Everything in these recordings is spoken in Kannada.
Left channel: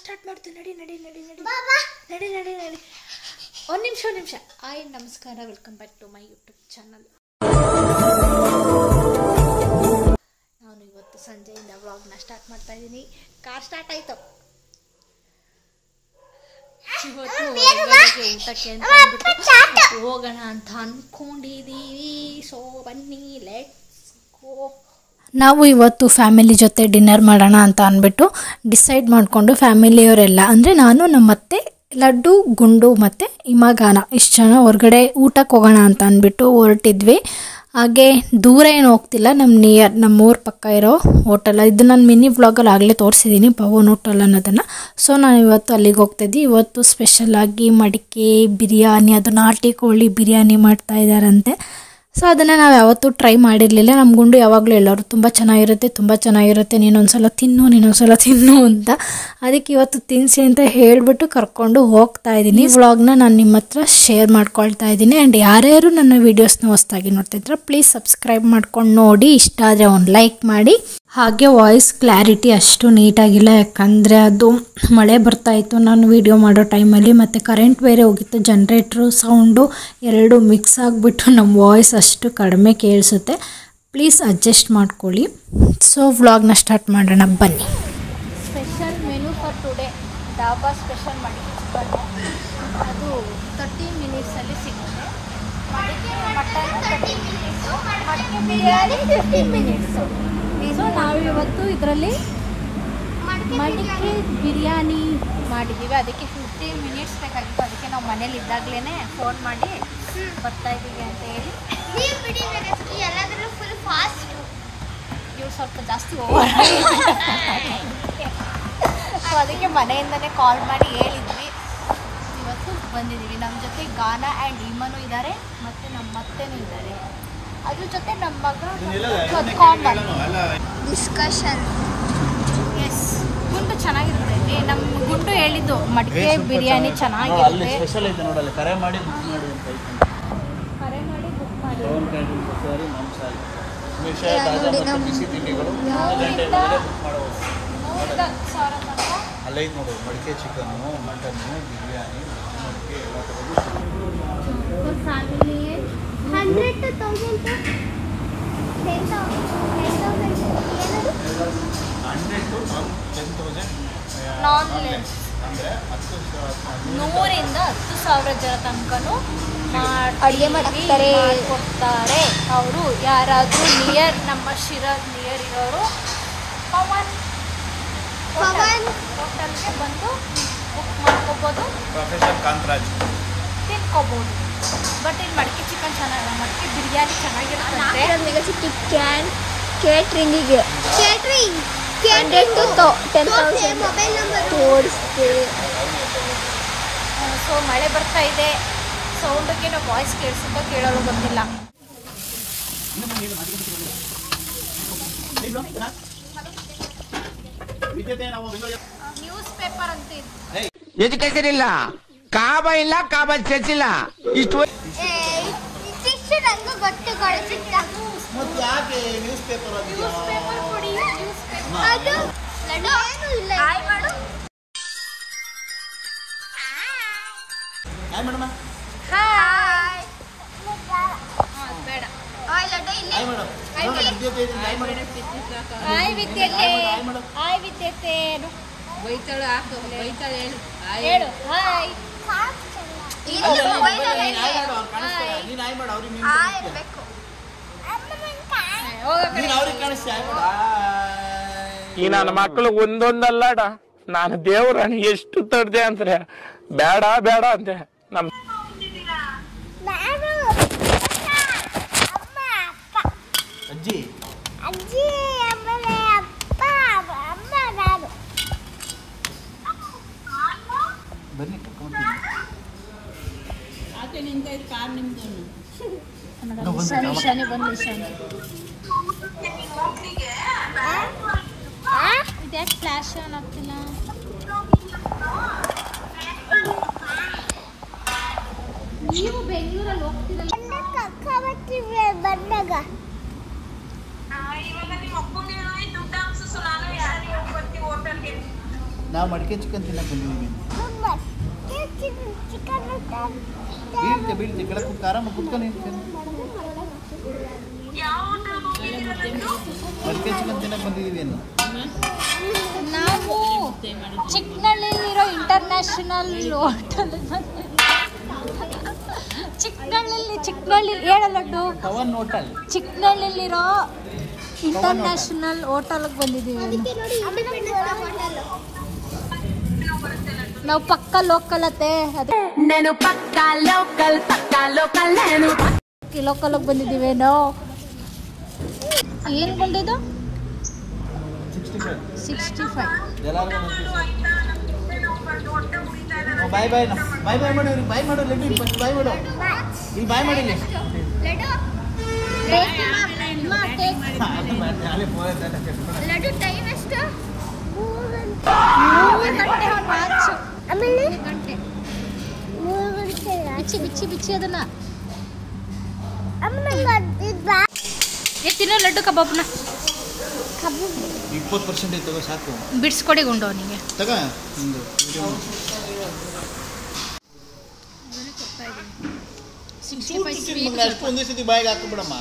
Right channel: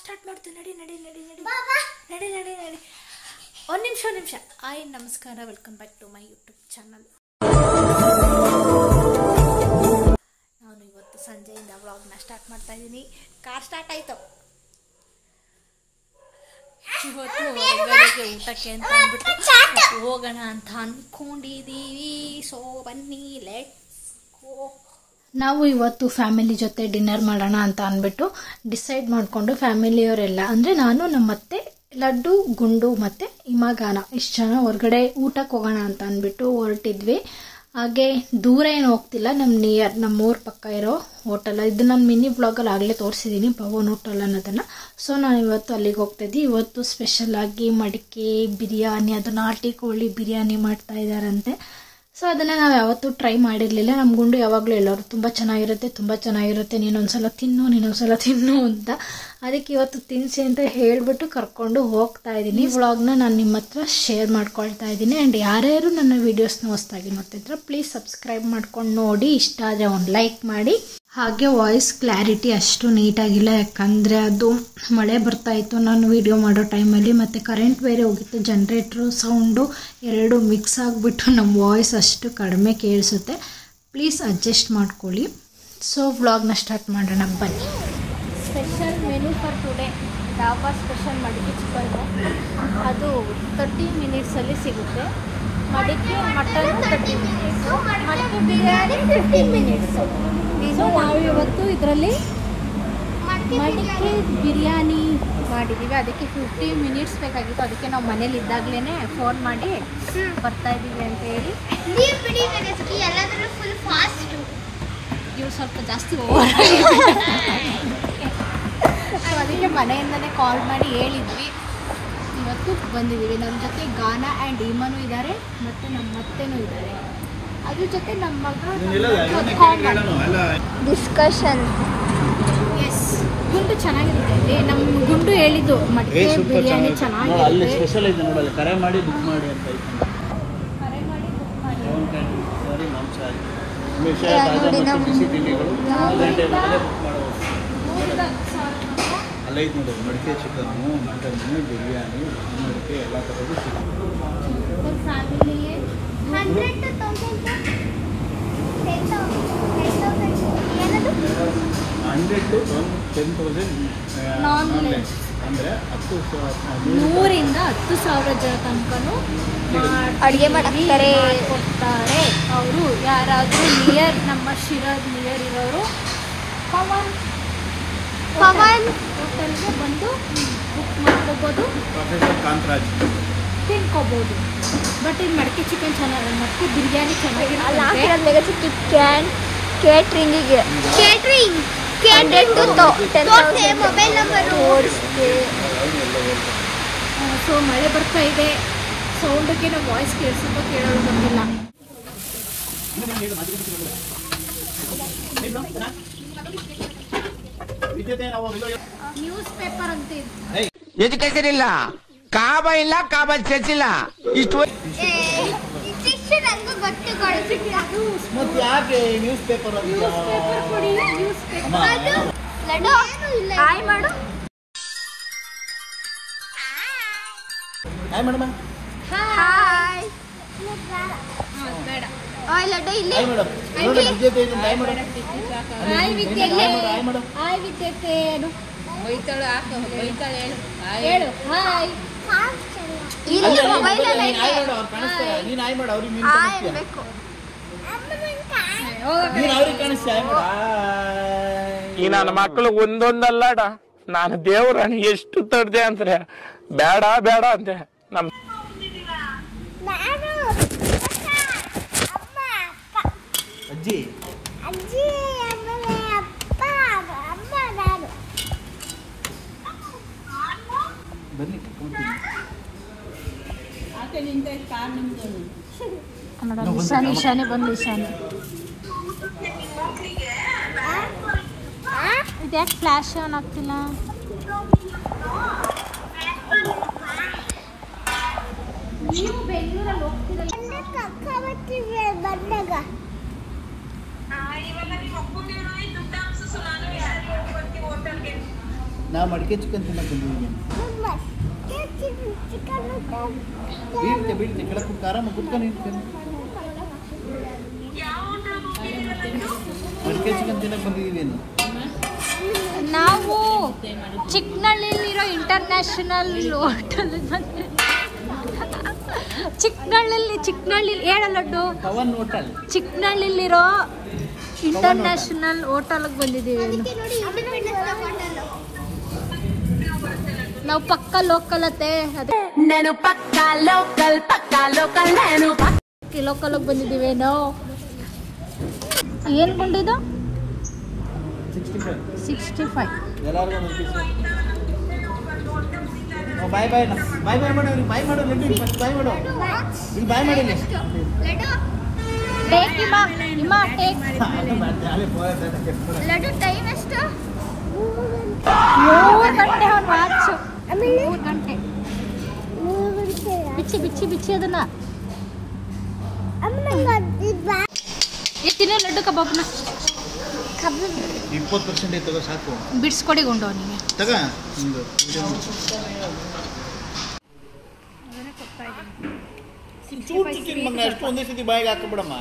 ಸ್ಟಾರ್ಟ್ ಮಾಡ್ತೀವಿ. ನಡಿ ನಡಿ ನಡಿ ನಡಿ ನಡಿ ನಡಿ ನಡಿ. ಒಂದು ನಿಮಿಷ. ಹಾಯ್ ನಮಸ್ಕಾರ, welcome back to my YouTube channel. ನಾನು ಇವತ್ತು ಸಂಜೆಯಿಂದ ವ್ಲಾಗ್ನ ಸ್ಟಾರ್ಟ್ ಮಾಡ್ತಾ ಇದ್ದೀನಿ. ಕಾರ್ ಸ್ಟಾರ್ಟ್ ಆಯಿತು. ಇವತ್ತು ಹೊರಗಡೆಗೆ ಊಟಕ್ಕೆ ಅಂತ ಅಂದ್ಬಿಟ್ಟು ಹೋಗೋಣ ಅಂತ ಅಂದ್ಕೊಂಡಿದ್ದೀವಿ. ಸೊ ಬನ್ನಿ, ಲೆಟ್ಸ್ ಗೋ. ನಾವು ಇವತ್ತು ಫ್ಯಾಮಿಲಿ ಜೊತೆ ಡಿನ್ನರ್ ಮಾಡೋಣ ಅಂತ ಅಂದ್ಬಿಟ್ಟು ಡಿಸೈಡ್ ಮಾಡಿಕೊಂಡು ಫ್ಯಾಮಿಲಿಯವರೆಲ್ಲ ಅಂದರೆ ನಾನು, ನಮ್ಮ ಅತ್ತೆ, ಲಡ್ಡು, ಗುಂಡು ಮತ್ತು ಇಮಾಗಾನ ಇಷ್ಟು ಜನ ಹೊರಗಡೆ ಊಟಕ್ಕೆ ಹೋಗೋಣ ಅಂತ ಅಂದ್ಬಿಟ್ಟು ಹೊರಟಿದ್ವಿ. ಹಾಗೆ ದೂರ ಏನು ಹೋಗ್ತಿಲ್ಲ, ನಮ್ಮೂರ ಪಕ್ಕ ಇರೋ ಹೋಟೆಲ್. ಇದು ನಾನು ಮಿನಿ ವ್ಲಾಗಲ್ಲಿ ಆಗಲೇ ತೋರಿಸಿದ್ದೀನಿ, ಪವನ್ ಹೋಟೆಲ್ ಅನ್ನೋದನ್ನು. ಸೊ ನಾನು ಇವತ್ತು ಅಲ್ಲಿಗೆ ಹೋಗ್ತಾಯಿದ್ದೆ. ಇವತ್ತು ಸ್ಪೆಷಲಾಗಿ ಮಡಿಕೆ ಬಿರಿಯಾನಿ, ಅದು ನಾಟಿ ಕೋಳಿ ಬಿರಿಯಾನಿ ಮಾಡ್ತಾ ಇದ್ದಾರಂತೆ. ಸೊ ಅದನ್ನು ನಾವು ಯಾವತ್ತೂ ಟ್ರೈ ಮಾಡಿರಲಿಲ್ಲ. ನಮ್ಮ ಗುಂಡು ಯಾವಾಗಲೂ ಹೇಳೋರು ತುಂಬ ಚೆನ್ನಾಗಿರುತ್ತೆ, ನೀನೊಂದ್ಸಲ ತಿನ್ನು ಅಂತ. ಅದಕ್ಕೆ ಇವತ್ತು ತಿನ್ನಿಸಿ ಅಂತ ಹೇಳಿಬಿಟ್ಟು ಕರ್ಕೊಂಡು ಹೋಗ್ತಾ ಇದ್ದೀನಿ. ವ್ಲಾಗ್ನ ನಾನು ನಿಮ್ಮ ಹತ್ರ ಶೇರ್ ಮಾಡ್ಕೊಳ್ತಾ ಇದ್ದೀನಿ. ಆ್ಯಂಡ್ ಯಾರ್ಯಾರು ನನ್ನ ವೀಡಿಯೋಸ್ನ ಹೊಸದಾಗಿ ನೋಡ್ತಿದ್ರೆ ಪ್ಲೀಸ್ ಸಬ್ಸ್ಕ್ರೈಬ್ ಮಾಡ್ಕೊಂಡು ನೋಡಿ. ಇಷ್ಟ ಆದರೆ ಒಂದು ಲೈಕ್ ಮಾಡಿ. ಹಾಗೆ ವಾಯ್ಸ್ ಕ್ಲಾರಿಟಿ ಅಷ್ಟು ನೀಟಾಗಿಲ್ಲ, ಯಾಕಂದರೆ ಅದು ಮಳೆ ಬರ್ತಾಯಿತ್ತು ನಾನು ವಿಡಿಯೋ ಮಾಡೋ ಟೈಮಲ್ಲಿ, ಮತ್ತು ಕರೆಂಟ್ ಬೇರೆ ಹೋಗಿತ್ತು. ಜನ್ರೇಟ್ರು ಸೌಂಡು ಎರಡು ಮಿಕ್ಸ್ ಆಗಿಬಿಟ್ಟು ನಮ್ಮ ವಾಯ್ಸ್ ಅಷ್ಟು ಕಡಿಮೆ ಕೇಳಿಸುತ್ತೆ. ಪ್ಲೀಸ್ ಅಡ್ಜಸ್ಟ್ ಮಾಡ್ಕೊಳ್ಳಿ. ಸೊ ವ್ಲಾಗ್ನ ಸ್ಟಾರ್ಟ್ ಮಾಡೋಣ ಬನ್ನಿ. Special menu for today, dhaba special ಮಡಿಕೆ ಚಿಕನ್ನು. ಅದು 30 ಮಿನಿಟ್ಸಲ್ಲಿ ಸಿಗುತ್ತೆ. ಮಡಿಕೆ ಮಟನ್ 30 ಮಿನಿಟ್ಸು, ಮಡಿಕೆ ಬಿರಿಯಾನಿ 15 ಮಿನಿಟ್ಸು. ಸೊ ನಾವು ಇವತ್ತು ಇದರಲ್ಲಿ ಮಡಿಕೆ ಬಿರಿಯಾನಿ ಮಾಡಿದ್ದೀವಿ. ಅದಕ್ಕೆ 15 ಮಿನಿಟ್ಸ್ ಬೇಕಾಗಿತ್ತು. ಅದಕ್ಕೆ ನಾವು ಮನೇಲಿ ಇದ್ದಾಗಲೇ ಫೋನ್ ಮಾಡಿ ಬರ್ತಾ ಇದ್ದೀವಿ ಅಂತ ಹೇಳಿ. ಎಲ್ಲಾದರೂ ಫುಲ್ ಫಾಸ್ಟ್, ಇವು ಸ್ವಲ್ಪ ಜಾಸ್ತಿ ಸೊ ಅದಕ್ಕೆ ಮನೆಯಿಂದನೇ ಕಾಲ್ ಮಾಡಿ ಹೇಳಿದ್ವಿ. ಇವತ್ತು ಬಂದಿದ್ದೀವಿ. ನಮ್ಮ ಜೊತೆ ಗಾನ ಆ್ಯಂಡ್ ಈಮನು ಇದ್ದಾರೆ, ಮತ್ತು ನಮ್ಮ ಅತ್ತೆನೂ ಇದ್ದಾರೆ. ಅದ್ರ ಜೊತೆ ನಮ್ಮ ಮಗ ಡಿಸ್ಕಷನ್. ಎಸ್, ಗುಂಡು ಚೆನ್ನಾಗಿರುತ್ತೆ. ನಮ್ಮ ಗುಂಡು ಹೇಳಿದ್ದು ಮಡಿಕೆ ಬಿರಿಯಾನಿ ಚೆನ್ನಾಗಿರುತ್ತೆ. ಕರೆ ಮಾಡಿ ಬುಕ್ ಮಾಡಿ ಅಂತ ತಾಜಾ ಮತ್ತು ಬಿಸಿ ತಿಂಡಿಗಳು 1 ಗಂಟೆ ಮೇಲೆ ಬುಕ್ ಮಾಡಬಹುದು. ಅಲ್ಲೈದು ನೋಡಿ, ಮಡಿಕೆ ಚಿಕನ್ನು, ಮಟನ್ನು, ಬಿರಿಯಾನಿ, ಮಡಿಕೆ ಎಲ್ಲ ಥರದ್ದು ಫ್ಯಾಮಿಲಿಗೆ 100 to 10,000 ಅಂದರೆ 100ರಿಂದ 10,000 ಜನ ತನಕನೂ ಮಾಡಿಕೊಡ್ತಾರೆ ಅವರು. ಯಾರಾದರೂ ನಿಯರ್, ನಮ್ಮ ಶಿರಾದ ನಿಯರ್ ಇರೋರು ಪವನ್ ಹೋಟೆಲ್ಗೆ ಬಂದು ಬುಕ್ ಮಾಡ್ಕೋಬೋದು, ತಿನ್ಕೋಬೋದು. ಬಟ್ ಇಲ್ಲಿ ಮಡಿಕೆ ಚಿಕನ್ ಚೆನ್ನಾಗಿಲ್ಲ, ಮಡಿಕೆ ಬಿರಿಯಾನಿ ಚೆನ್ನಾಗಿರುತ್ತೆ. ಸೊ ಮಳೆ ಬರ್ತಾ ಇದೆ, ಸೌಂಡಿಗೆ ನಾವು ವಾಯ್ಸ್ ಕೇಳೋದು ಬಂದಿಲ್ಲ. ನ್ಯೂಸ್ ಪೇಪರ್ ಅಂತ ಎಜುಕೇಶನ್ ಇಲ್ಲ, ಕಾಬಾ ಇಲ್ಲ, ಕಾಬಾ ಚರ್ಚ್ ಇಲ್ಲ. ಇಷ್ಟು ಯಾಕೆ ನ್ಯೂಸ್ ಪೇಪರ್ ಕೊಡಿ. ನ್ಯೂಸ್ ಪೇಪರ್ ಹಾಯ್ ಮಾಡು. Hi madam. ಹಾಯ್ ಬೇಡ. ಹಾಯ್ ಲಡ್ಡು ಇಲ್ಲಿ. Hi madam. ನೋಡಿ ವಿದ್ಯುತ್ ಇದೆ, ಹಾಯ್ ಮೇಡಮ್. ಹಾಯ್ ವಿದ್ಯತೆ, ಹಾಯ್ ವಿದ್ಯತೆ ಹೇಳು. ಹಾಯ್ ಇಲ್ಲಿ ಮೊಬೈಲ್ ಅಲ್ಲಿ ಅವ್ರು ಕಾಣಿಸ್ತಾರೆ. ನೀನು ಹಾಯ್ ಮಾಡು, ಅವ್ರಿಗೆ ನೀನು ಹಾಯ್ ಕಾಣಿಸ್ತೀಯ. ಬೇಕು. ನೀನು ಅವ್ರಿಗೆ ಕಾಣಿಸ್ತೀಯ, ಹಾಯ್ ಮಾಡು. ಈ ನನ್ನ ಮಕ್ಕಳು ಒಂದೊಂದಲ್ಲಡ, ನಾನು ದೇವ್ರಣ ಎಷ್ಟು ತಡ್ದೆ ಅಂದ್ರೆ ಬೇಡ ಬೇಡ ಅಂತೆ. ನಮ್ ಅಜ್ಜಿ ಅಜ್ಜಿ ಆಮೇಲೆ ಅಪ್ಪ ಅಮ್ಮ ನಾನು. ಬನ್ನಿ ಈಶಾನಿ ಬಂದು ಈಶಾನಿ ಇದ್ಯಾಕೆ ಫ್ಲಾಶ್ ಆನ್ ಆಗ್ತಿಲ್ಲ? ನೀವು ಬೆಂಗಳೂರಲ್ಲಿ ಹೋಗ್ತಿಲ್ಲ ಬಂದಾಗ ಇವಾಗ ನಿಮ್ಮ ಅಪ್ಪಗೆ ದುಡ್ಡು ಹಾಕ್ಸು, ನಾನು ಯಾರಿಗೆ ಬರ್ತೀವಿ ಹೋಟೆಲ್ಗೆ. ನಾವು ಮಡಿಕೆ ಚಿಕನ್ ತಿನ್ನಕ್ಕೆ ಬಂದಿದ್ದೀವಿ. ಬೀಳ್ತೆ ಕೆಳಗೆ ಕುತ್ಕ ಆರಾಮಾಗಿ ಕುತ್ಕೊಂಡು ಇರ್ತೀನಿ. ಮಡಿಕೆ ಚಿಕನ್ ತಿನ್ನಕ್ಕೆ ಬಂದಿದ್ದೀವಿ. ನಾವು ಚಿಕ್ಕನಹಳ್ಳಿಲಿರೋ ಇಂಟರ್ನ್ಯಾಷನಲ್ ಹೋಟೆಲ್ ಚಿಕ್ಕನಹಳ್ಳಿ ಹೇಳ ಲಡ್ಡು ಪವನ್ ಹೋಟೆಲ್ ಚಿಕ್ಕನಹಳ್ಳಿಲಿರೋ ಇಂಟರ್ನ್ಯಾಷನಲ್ ಹೋಟೆಲ್ಗೆ ಬಂದಿದ್ದೀವಿ. ನಾವು ಪಕ್ಕ ಲೋಕಲ್ ಅತ್ತೆ నేను పక్కా లోకల్ నేను ಲೋಕಲ್ಗೆ ಬಂದಿದ್ದೀವಿ. ನಾವು ಏನು ಕೊಂಡಿದ್ದು 65. ಎಲ್ಲರಿಗೂ ಒಂದು ಪೀಸ್. ಬಾಯ್ ಬಾಯ್ ಮಾಡು ಬಾಯ್ ಮಾಡು ಲಡ್ಡು ಬಾಯ್ ಮಾಡು ಈಗ ಬಾಯ್ ಮಾಡಿ ಲಡ್ಡು ಟೈಮ್ ಎಷ್ಟು? 3 ಗಂಟೆ ಬಿಚ್ಚಿ ಅದನ್ನ ತಿನ್ನೋ ಲಡ್ಡು ಕಬಾಬ್ನ 20% ತಗೋ ಸಾಕು. ಬಿಡಿಸ್ಕೊಡಿ ಗುಂಡು ಅವನಿಗೆ ತಗ ಒಂದು ಅಷ್ಟು ಒಂದೇ ಸತಿ ಬಾಯಿಗೆ ಹಾಕ್ಬಿಡಮ್ಮ.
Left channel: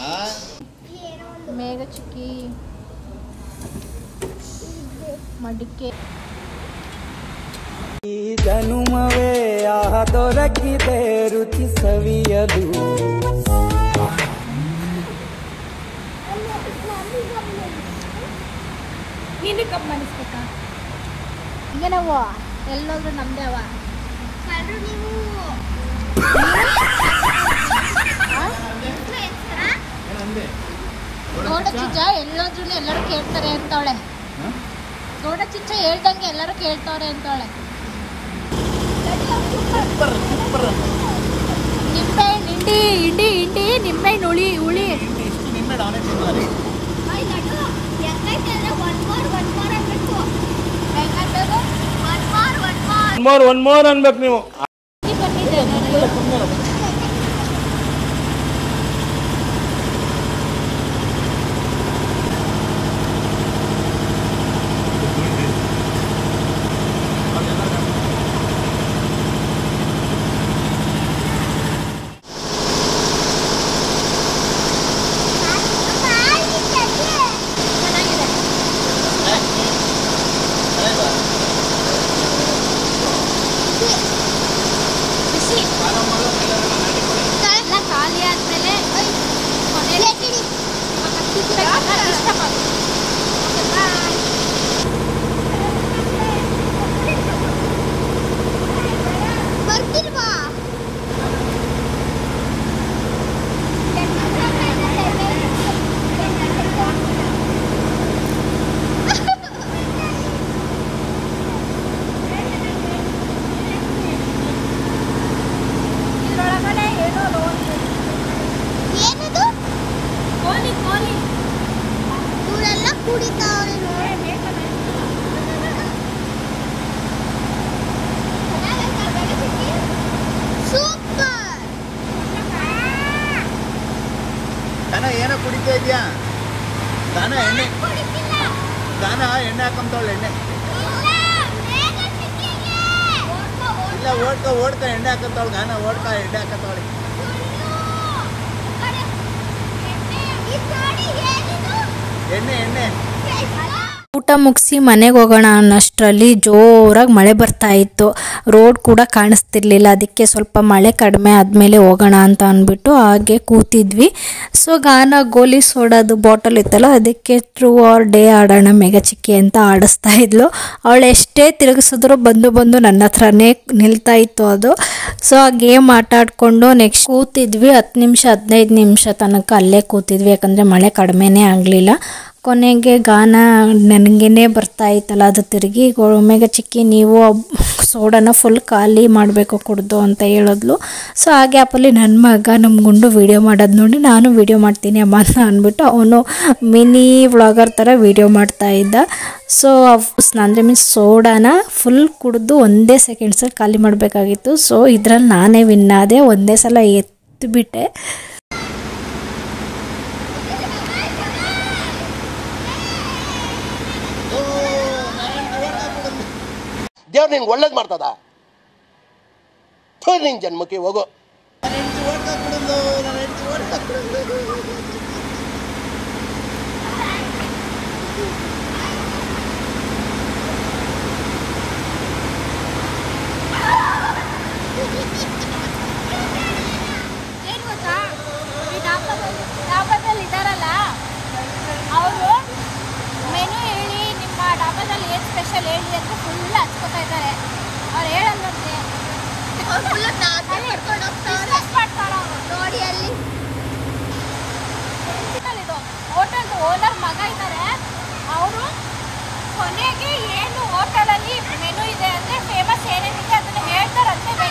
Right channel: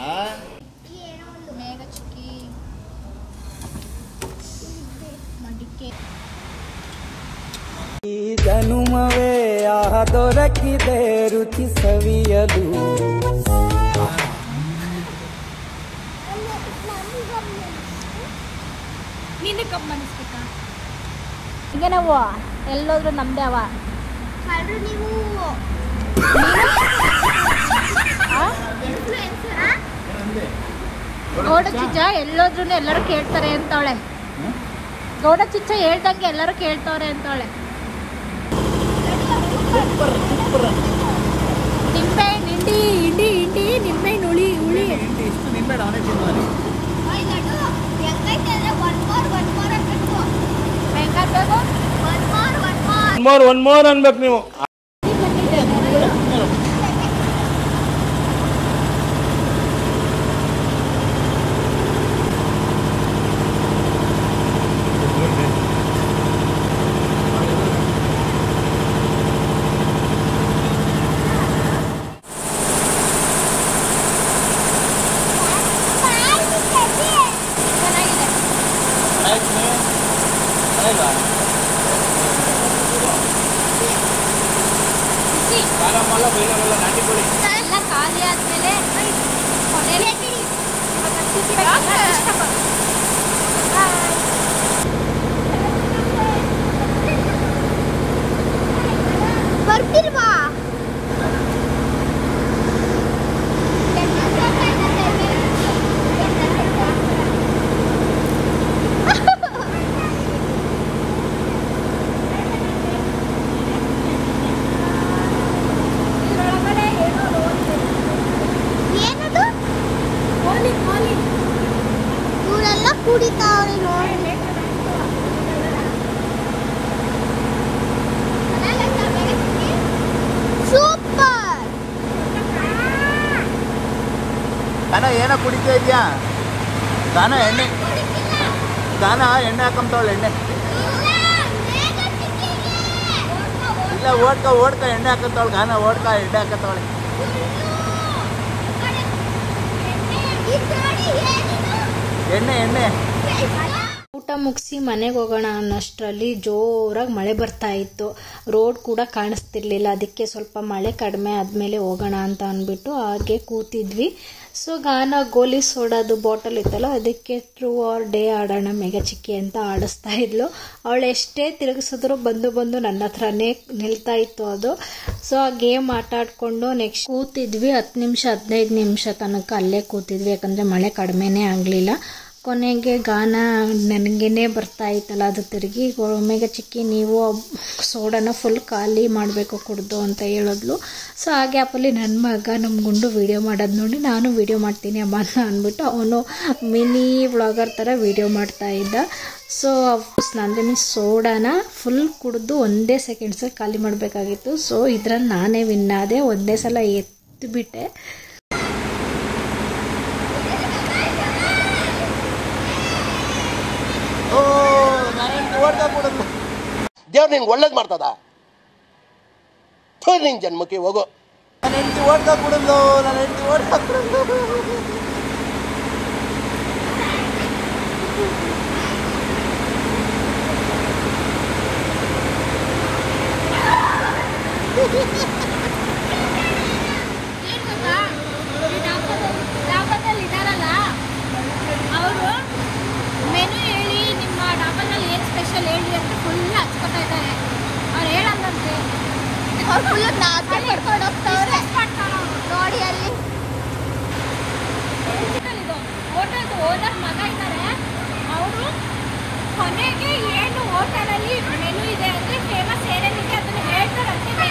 ಮೇಘ ಚಿಕ್ಕಿ ಮಡಿಕೆ ಈ ಜನುಮವೇ ಆಹ ದೊರಕಿದೆ ರುಚಿ ಸವಿಯಲು. ನೀನು ಕಬ್ಬು ಮನಿಸ್ಬೇಕ ಈಗ ನಾವು ಎಲ್ಲೋದ್ರು ನಮ್ದೇ ಅವ ನೀವು ಗೌಡ ಚಿಚ್ಚ ಎಲ್ಲೋದ್ರು ಎಲ್ಲರೂ ಕೇಳ್ತಾರೆ ಅಂತವಳೆ. ಗೌಡ ಚಿಚ್ಚ ಹೇಳ್ದಂಗೆ ಎಲ್ಲರೂ ಕೇಳ್ತವ್ರೆ ಅಂತವಳೆ. ನಿಂಬೆ ಹಿಂಡಿ ನಿಂಬೆ ಹುಳಿ ಇಷ್ಟು ನಿಂಬೆ ನಾನೇ ತಿನ್ನುವಾನೆ. ಒನ್ ಮೋರ್ ಅನ್ಬೇಕು ನೀವು. ಎಲ್ಲ ಖಾಲಿ ಆದ್ಮೇಲೆ ಕೊನೆಯಲ್ಲಿ ಇವಾಗ ತಿನ್ಬೇಕಲ್ಲ ಇಷ್ಟಪಟ್ಟು ಬರ್ತಿಲ್ವಾ? ಏನದು? ಕೋಲಿ ಇವರೆಲ್ಲ ಕುಡಿತಾವ್ರೆ ನೋಡಿ. ಸೂಪರ್. ಗಾನ ಏನೋ ಕುಡಿತಾ ಇದೆಯಾ? ಗಾನ ಎಣ್ಣೆ ಹಾಕೊಂತಾವಳೆ. ಎಣ್ಣೆ ಇಲ್ಲ ಓಡ್ಕ ಎಣ್ಣೆ ಹಾಕತ್ತಾವಳು. ಗಾನ ಓಡ್ಕ ಎಣ್ಣೆ ಹಾಕತ್ತಾವಳೆ. ಎಣ್ಣೆ ಊಟ ಮುಗಿಸಿ ಮನೆಗೆ ಹೋಗೋಣ ಅನ್ನೋಷ್ಟರಲ್ಲಿ ಜೋರಾಗಿ ಮಳೆ ಬರ್ತಾ ಇತ್ತು. ರೋಡ್ ಕೂಡ ಕಾಣಿಸ್ತಿರ್ಲಿಲ್ಲ. ಅದಕ್ಕೆ ಸ್ವಲ್ಪ ಮಳೆ ಕಡಿಮೆ ಆದಮೇಲೆ ಹೋಗೋಣ ಅಂತ ಅಂದ್ಬಿಟ್ಟು ಹಾಗೆ ಕೂತಿದ್ವಿ. ಸೊ ಗಾನ ಗೋಲಿ ಸೋಡಾದು ಬಾಟಲ್ ಇತ್ತಲ್ಲ, ಅದಕ್ಕೆ ಟ್ರೂ ಆರ್ ಡೇ ಆಡೋಣ ಮೇಘ ಚಿಕ್ಕಿ ಅಂತ ಆಡಿಸ್ತಾ ಇದ್ಲು. ಅವಳು ಎಷ್ಟೇ ತಿರುಗಿಸಿದ್ರು ಬಂದು ನನ್ನ ಹತ್ರನೇ ನಿಲ್ತಾ ಇತ್ತು ಅದು. ಸೊ ಆ ಗೇಮ್ ಆಟ ಆಡಿಕೊಂಡು ನೆಕ್ಸ್ಟ್ ಕೂತಿದ್ವಿ. 10 ನಿಮಿಷ 15 ನಿಮಿಷ ತನಕ ಅಲ್ಲೇ ಕೂತಿದ್ವಿ, ಯಾಕಂದರೆ ಮಳೆ ಕಡಿಮೆನೇ ಆಗಲಿಲ್ಲ. ಕೊನೆಗೆ ಗಾನ ನನಗೇನೆ ಬರ್ತಾ ಇತ್ತಲ್ಲ, ಅದು ತಿರುಗಿ ಮೇಘ ಚಿಕ್ಕಿ ನೀವು ಸೋಡಾನ ಫುಲ್ ಖಾಲಿ ಮಾಡಬೇಕು ಕುಡ್ದು ಅಂತ ಹೇಳಿದ್ಲು. ಸೊ ಆ ಗ್ಯಾಪಲ್ಲಿ ನನ್ನ ಮಗ ನಮ್ಮ ಗುಂಡು ವೀಡಿಯೋ ಮಾಡೋದು ನೋಡಿ ನಾನು ವೀಡಿಯೋ ಮಾಡ್ತೀನಿ ಅಮ್ಮ ಅಂತ ಅಂದ್ಬಿಟ್ಟು ಅವನು ಮಿನಿ ವ್ಲಾಗರ್ ಥರ ವೀಡಿಯೋ ಮಾಡ್ತಾ ಇದ್ದ. ಸೊ ಅಂದರೆ ಮೀನ್ಸ್ ಸೋಡಾನ ಫುಲ್ ಕುಡಿದು ಒಂದೇ ಸೆಕೆಂಡ್ಸಲ್ಲಿ ಖಾಲಿ ಮಾಡಬೇಕಾಗಿತ್ತು. ಸೊ ಇದರಲ್ಲಿ ನಾನೇ ವಿನ್ ಆದೆ. ಒಂದೇ ಸಲ ಎತ್ತಿಬಿಟ್ಟೆ. ದೇವ್ರು ನಿನ್ಗೆ ಒಳ್ಳೇದು ಮಾಡ್ತದ? ನಿನ್ ಜನ್ಮಕ್ಕೆ ಹೋಗೋ. ಏನ್ ಗೊತ್ತಾ, ಈ ಡಾಬಾದಲ್ಲಿ ಇದಾರಲ್ಲ ಅವರು ಮೆನು ಹೇಳಿ ನಿಮ್ಮ ಡಾಬಾದಲ್ಲಿ ಏನು ಸ್ಪೆಷಲ್ ಹೇಳಿ ಅಂತ ಫುಲ್ ಹಚ್ಕೊತಾ ಇದ್ದಾರೆ. ಅವ್ರು ಹೇಳಲ್ಲ ನಮಗೆ, ಫುಲ್ ಮಾಡ್ಕೊಂಡು ಹೋಗ್ತಾರೆ. ಹೋಟೆಲ್ದು ಓನರ್ ಮಗ ಇದ್ದಾರೆ, ಅವರು ಕೊನೆಗೆ ಏನು ಹೋಟೆಲಲ್ಲಿ ಮೆನು ಇದೆ ಅಂದರೆ ಫೇಮಸ್ ಏನೇನಿದೆ ಅದನ್ನು ಹೇಳ್ತಾರಂತೆ.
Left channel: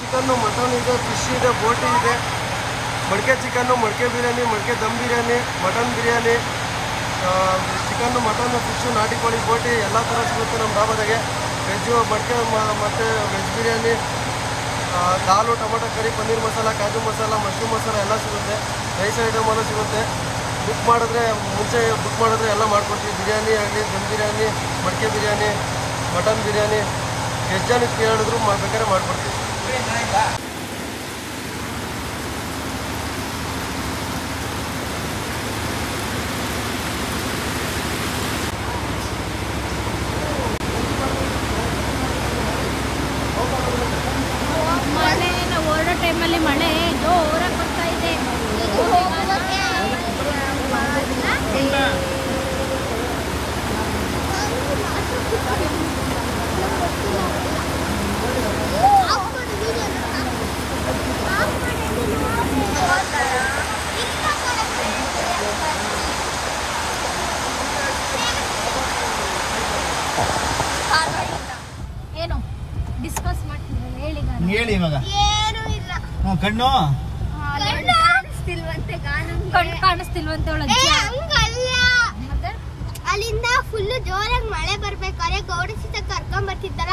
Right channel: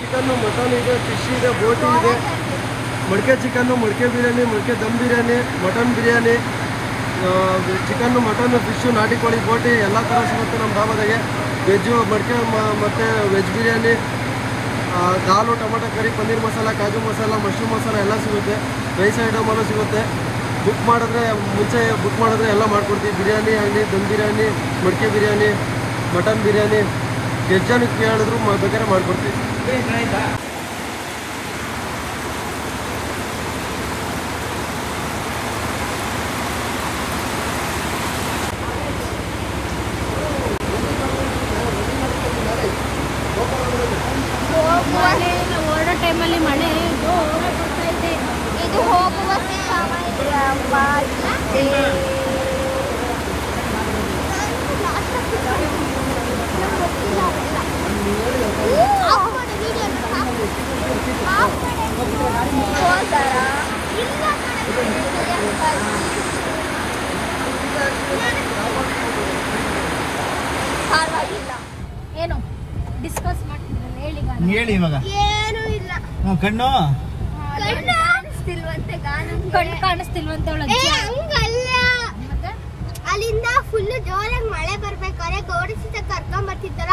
ಚಿಕನ್ನು, ಮಟನ್ ಇದೆ, ಫಿಶ್ ಇದೆ, ಬೋಟಿ ಇದೆ, ಮಡಿಕೆ ಚಿಕನ್ನು, ಮಡಿಕೆ ಬಿರಿಯಾನಿ, ಮಡಿಕೆ dum biryani, mutton biryani, chicken, mutton, fish, ನಾಟಿ ಕೋಳಿ, ಬೋಟಿ ಎಲ್ಲ ಥರ ಸಿಗುತ್ತೆ ನಮ್ಮ ಧಾಬಾದಾಗೆ. ವೆಜ್ಜು ಮಡಿಕೆ ಮತ್ತು ವೆಜ್ ಬಿರಿಯಾನಿ, ದಾಲು, ಟೊಮೊಟೊ ಕರಿ, ಪನ್ನೀರ್ ಮಸಾಲ, ಕಾಜು ಮಸಾಲ, ಮಶ್ರೂಮ್ ಮಸಾಲ ಎಲ್ಲ ಸಿಗುತ್ತೆ. ರೈಸ್ ಐಟಮ್ ಎಲ್ಲ ಸಿಗುತ್ತೆ. ಬುಕ್ ಮಾಡಿದ್ರೆ ಮುಂಚೆ ಬುಕ್ ಮಾಡಿದ್ರೆ ಎಲ್ಲ ಮಾಡ್ಕೊಡ್ತೀವಿ. ಬಿರಿಯಾನಿ ಆಗಲಿ, ದಮ್ ಬಿರಿಯಾನಿ, ಮಡಿಕೆ ಬಿರಿಯಾನಿ, ಮಟನ್ ಬಿರಿಯಾನಿ ಎಷ್ಟು ಜನಕ್ಕೆ ಹೇಳಿದ್ರು ಬೇಕಾದ್ರೆ ಮಾಡ್ಕೊಡ್ತೀವಿ. ಮಳೆ ಹೊರಡೋ ಟೈಮಲ್ಲಿ ಮಳೆ ಜೋರಾಗಿ ಬರ್ತಾ ಇದೆ. ಏನು ಡಿಸ್ಕಸ್ ಮಾಡ್ತೀನಿ ಹೇಳಿ ಇವಾಗ. ಏನು ಇಲ್ಲ. ಕಣ್ಣು ಕಾಣಿಸ್ತಿಲ್ವಂತೆ ಹಂಗಲ್ಲ, ಅಲ್ಲಿಂದ ಫುಲ್ ಜೋರಾಗಿ ಮಳೆ ಬರ್ಬೇಕಾದ್ರೆ ಗೌಡ ಸೀತೆ ಕರ್ಕೊಂಡ್ ಬರ್ತಿದ್ದಾರ.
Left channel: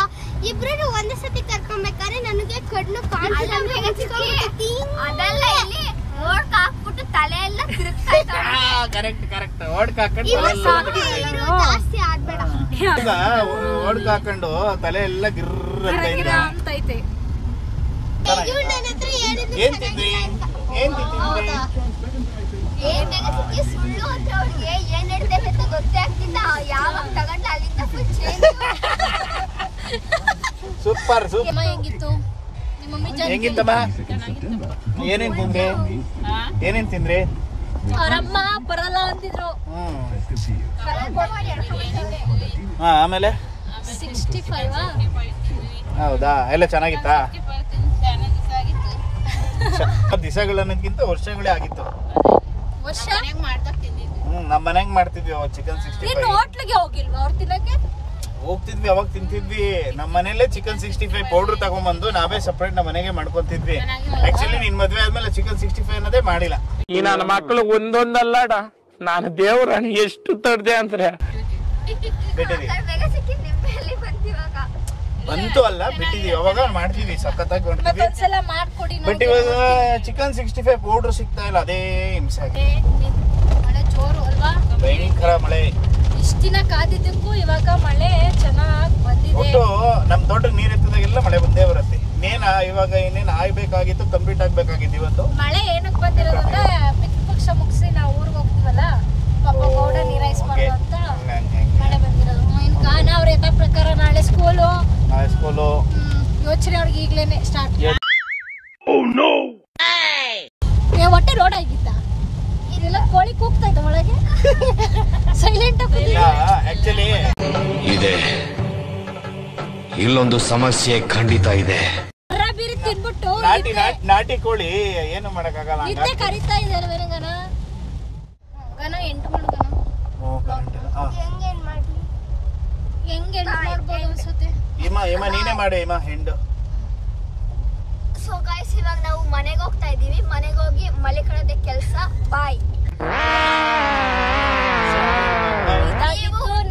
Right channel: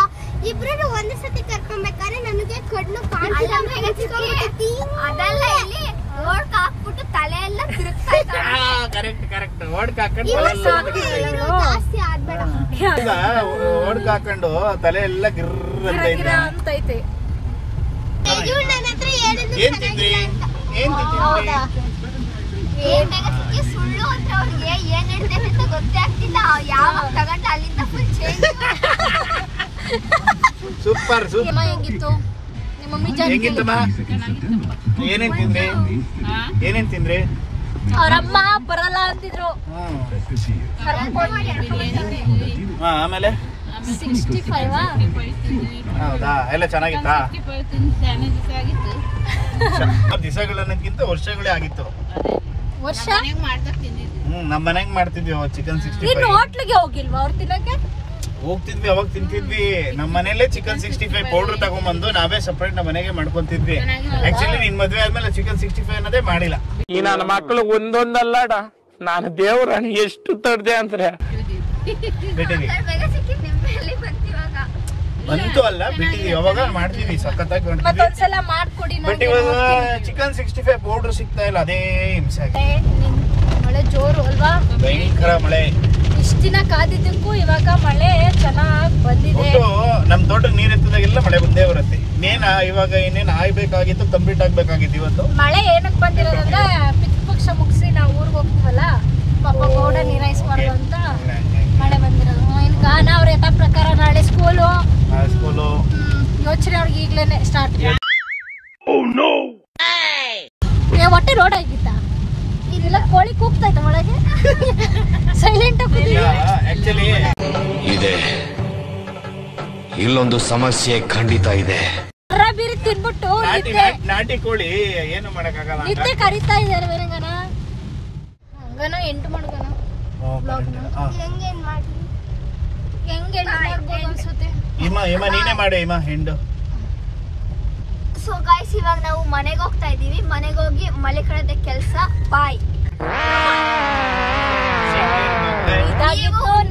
ಇಬ್ರು ಒಂದೇ ಸತಿ ಕರ್ಕೊಂಡ್ಬೇಕಾದ್ರೆ ನನಗೆ ಕಣ್ಣು ಕಾಣಿಸಿಲ್ಲ. ಅದೆಲ್ಲ ಇಲ್ಲಿ ಓಡ್ಕ್ ಹಾಕ್ಬಿಟ್ಟು ತಲೆ ಎಲ್ಲ ತಿರುಗ್ತಾ ಇದ್ದಾರೆ. ಜಾಸ್ತಿ ಆಡ್ಬೇಡ. ಓಡ್ಕ ಹಾಕೊಂಡು ತಲೆ ಎಲ್ಲ ಗಿರ್ರ ಅಂತೈತೆ. ಏನ್ ತಿಂದ್ರಿ? ಸುಳ್ಳು ಅಂದ್ರೆ ಅವ್ರಿಗೆ ಏನ್ ಹೇಳ್ತೈತೆ ಅಂತ ಗೊತ್ತೇ ಆಗ್ತಿಲ್ಲ. ಯಾವಾಗ ತಗೊಂಡ್ಲ ಅಲ್ಲಿಂದ ಫುಲ್ ಚೇಂಜ್. ಸೂಪರ್ ಹೇಗಿತ್ತಮ್ಮ? ಏನೇನ್ ತಿಂದ್ರಿ? ಏನೇನ್ ತಿಂದ್ರಿ? ಅವರಮ್ಮ ಬರಲ್ಲ ಅಂತಿದ್ರು. ಆಮೇಲೆ ಹೌದಾ? ಎಲ್ಲ ಚೆನ್ನಾಗಿತ್ತಾ? ದಿವಸಗಳನ್ನಕ್ಕಿಂತ ವರ್ಷಗಳೇ ಆಗಿತ್ತು. ವರ್ಷ ನಮ್ಮ ಮನೆಗ್ ಮಾಡ್ತಿದ್ವಿ ಚಿಕನ್ 65. ಹೋಟ್ಲಿಗೆ ಹೋಗಿಲ್ವಾ ಅವ್ರು ತಿನ್ನಕ್ಕೆ? ಹೋಗ್ತಿದ್ವಿ, ಅವಾಗ ತಿಂತಿದ್ವಿ. ನಮ್ಮ ಮನೇಲೆ ಚಿಕನ್ 65 ಪೌಡರ್ ತಗೊಂಡ್ಬಂದು ನಾವೇ ಸಪ್ರೇಟ್ ನಮ್ಮ ಮನೆಗೆ ಮಾಡ್ಕೊಂತಿದ್ವಿ. ಆಕ್ಚುಲಿ ನಿನ್ ಮದ್ವೆ ಆದ್ಮೇಲೆ ಚಿಕನ್ 65 ಅನ್ನೋದೇ ಮಾಡಿಲ್ಲ. ಈ ನನ್ನ ಮಕ್ಕಳು ಒಂದೊಂದಲ್ಲಡ, ನಾನು ದೇವ್ರಣ ಎಷ್ಟು ತಡ್ದೆ ಅಂದ್ರೆ ಬಿಟ್ಟಿದ್ವಿ ಅಂತೂ ಅಲ್ಲ, ಬಿಟ್ಟಿದ್ವಿ. ಅವಾಗ ಮಾಡ್ತೀವಿ, ಸಖತ್ತಾಗಿ ಮಾಡ್ತೀವಿ. ಬಟ್ ಇವಾಗ ಚಿಕನ್ 65 ಪೌಡರ್ ಸಿಗ್ತಾ ಇಲ್ಲ, ಅದೇ ಹಿಂಸೆ ಆಗಿದೆ. ಮಳೆ ಜೋರು ಅಲ್ವಾ? ಭಯಂಕರ ಮಳೆ. ಇಷ್ಟ ದಿನ ಕಾದಿದ್ದಕ್ಕೂ ಇವಾಗ ಮಳೆ ಚೆನ್ನಾಗಿ ಬಂದಿದೆ. ಒಟ್ಟು ನಮ್ ತೋಟಕ್ಕೆ ನೀರ್ ಎತ್ತದಾಗೆಲ್ಲ ಮಳೆ ಬಂದೇ ಬರುತ್ತೆ. ಇವಾಗ ಇನ್ನೇನು ಆಗ್ಬೇಕಾಗಿತ್ತು, ಕಂಪ್ಲೀಟ್ ಆಗ್ಬೇಕಾಗಿತ್ತು. ಇವತ್ತು ಮಳೆ ಏನಕ್ಕೆ ಬಂದಿರೋದಂದ್ರೆ ಪಿತೃಪಕ್ಷ ಮುಗಿಸಿ ನಾವು ಊರಿಗೆ ಹೋಗ್ತೀವಲ್ಲ, ಪಾಪ ಗೌಡ ನೀರಾಯಿಸ್ಬಾರ್ದು ಅಂತ ಮಳೆ ಬಂದಿರೋದು. ಈಗ ಅವ್ರ ಯಥಾ ಪ್ರಕಾರ ನಾಳೆ ಸ್ಕೂಲು ಯೋಚನೆ ಅವ್ರಿಗೆ ಈಗ್ಲೇನೆ ಸ್ಟಾರ್ಟ್. ಒಟ್ಟೆ ರೋಡ್ ಆಗಿದ್ದ ಇದೆಲ್ಲ ಕೋಳಿ ಕೂಗ್ತಾ ಇದ್ದ ಒಳಗೆ ಸೈಲೆಂಟ್ ಆಕ್ಚುಲಿ ಇದೆ. ಇಲ್ಲೊಂದು ಸಮಸ್ಯೆ ಖಂಡಿತ ಇದೆ. ಬೀರಿ ತಿನ್ಬಿಟ್ಟು ನಾಟಿ ಕೋಳಿ ಏನು ಮಾಡಕ್ಕಾಗಲ್ಲ. ಇದ್ರೆ ಕರಿತಾ ಇದಾರೆ ಹಂಗನೋ 8 ಮಾಡ್ಗನೋ ಹೆಂಗೇನ್ ಮಾಡಿ ಹೆಂಗೆ ಅನ್ಸುತ್ತೆ. ಇಮ್ಮ ನೀನೇ ಮಾಡು ಇಮ್ಮ ಹೆಂಡು. ಸೊ ಗೈಸ್, ಇವಾಗ ನಾವು ಮನೆಗೆ ಹೋಗ್ತಾ ಇದೀವಿ. ಮನೆಗೆ ಹೋಗಿ ಮಳೆ ಕಳೆದ ಕೆಲಸ. ಬಾಯ್.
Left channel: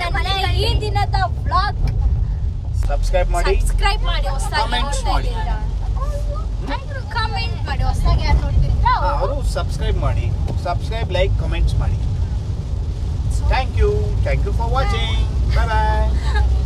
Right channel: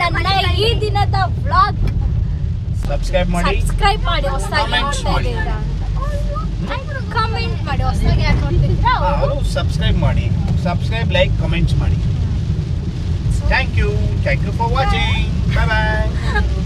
ನನ್ನ ಈ ದಿನದ ವ್ಲಾಗ್ ಸಬ್ಸ್ಕ್ರೈಬ್ ಮಾಡಿ ಹೊಸದಾಗಿ ನೋಡ್ತಾ ಇದ್ದೀರಾ ಕಮೆಂಟ್ ಮಾಡಿ. ಹೊಸದಾಗಿ ಯಾರು ನೋಡ್ತಿದ್ದೀರಾ ಅವರು ಸಬ್ಸ್ಕ್ರೈಬ್ ಮಾಡಿ, ಲೈಕ್, ಕಮೆಂಟ್ಸ್ ಮಾಡಿ. Thank you for watching. Bye bye.